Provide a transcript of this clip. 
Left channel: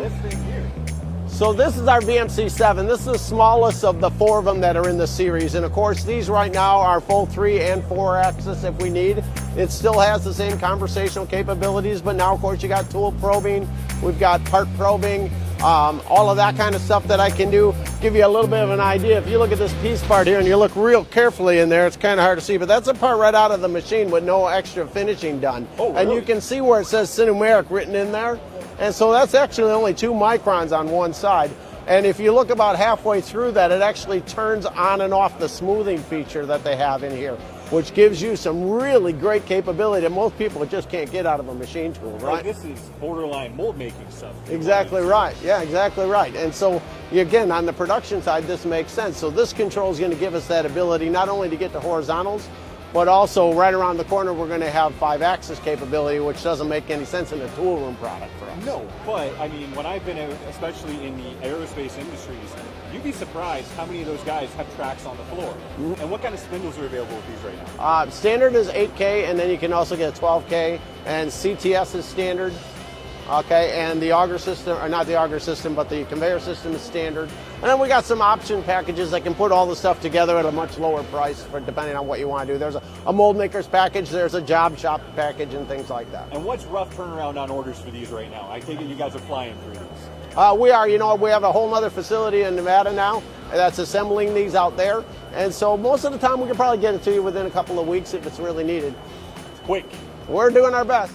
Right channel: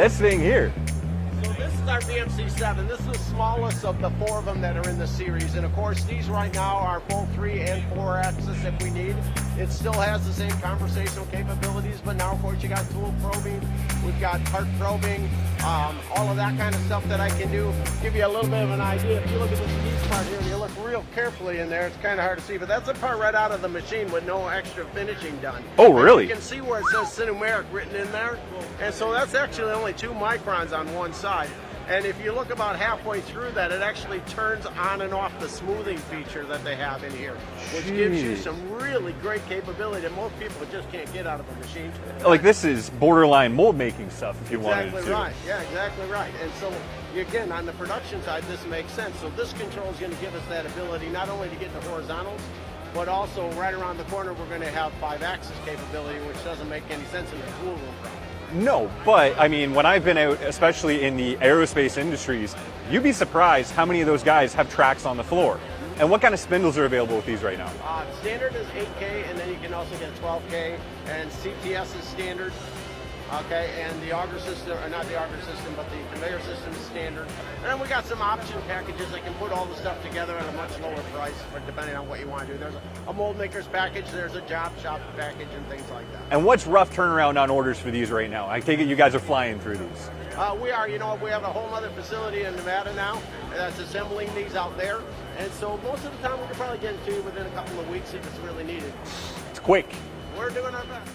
this thing here. So this is our VMC7. This is the smallest of the 4 of them that are in the series. And of course, these right now are full 3 and 4 axis if we need. It still has the same conversational capabilities, but now of course you got tool probing, we've got part probing, all of that kind of stuff that I can do. Give you a little bit of an idea. If you look at this piece part here and you look real carefully in there, it's kind of hard to see, but that's a part right out of the machine with no extra finishing done. Oh, really? And you can see where it says SINUMERIK written in there. And so that's actually only 2 microns on one side. And if you look about halfway through that, it actually turns on and off the smoothing feature that they have in here, which gives you some really great capability that most people just can't get out of a machine tool. Right? Like this is borderline mold making stuff. Exactly right. Yeah, exactly right. And so again, on the production side, this makes sense. So this control is going to give us that ability not only to get to horizontals, but also right around the corner, we're going to have 5-axis capability, which doesn't make any sense in the tool room product. No, but I mean, when I've been out, especially in the aerospace industries, you'd be surprised how many of those guys have tracks on the floor. And what kind of spindles are available with these right now? Standard is 8K, and then you can also get a 12K, and CTS is standard. Okay, and the auger system, or not the auger system, but the conveyor system is standard. And then we got some option packages that can put all the stuff together at a much lower price, for depending on what you want to do. There's a mold maker's package, there's a job shop package, and things like that. And what's rough turnaround on orders for these right now? I take it you guys are flying through these. We are, we have a whole other facility in Nevada now that's assembling these out there. And so most of the time we can probably get it to you within a couple of weeks if it's really needed. It's quick. We're doing our best.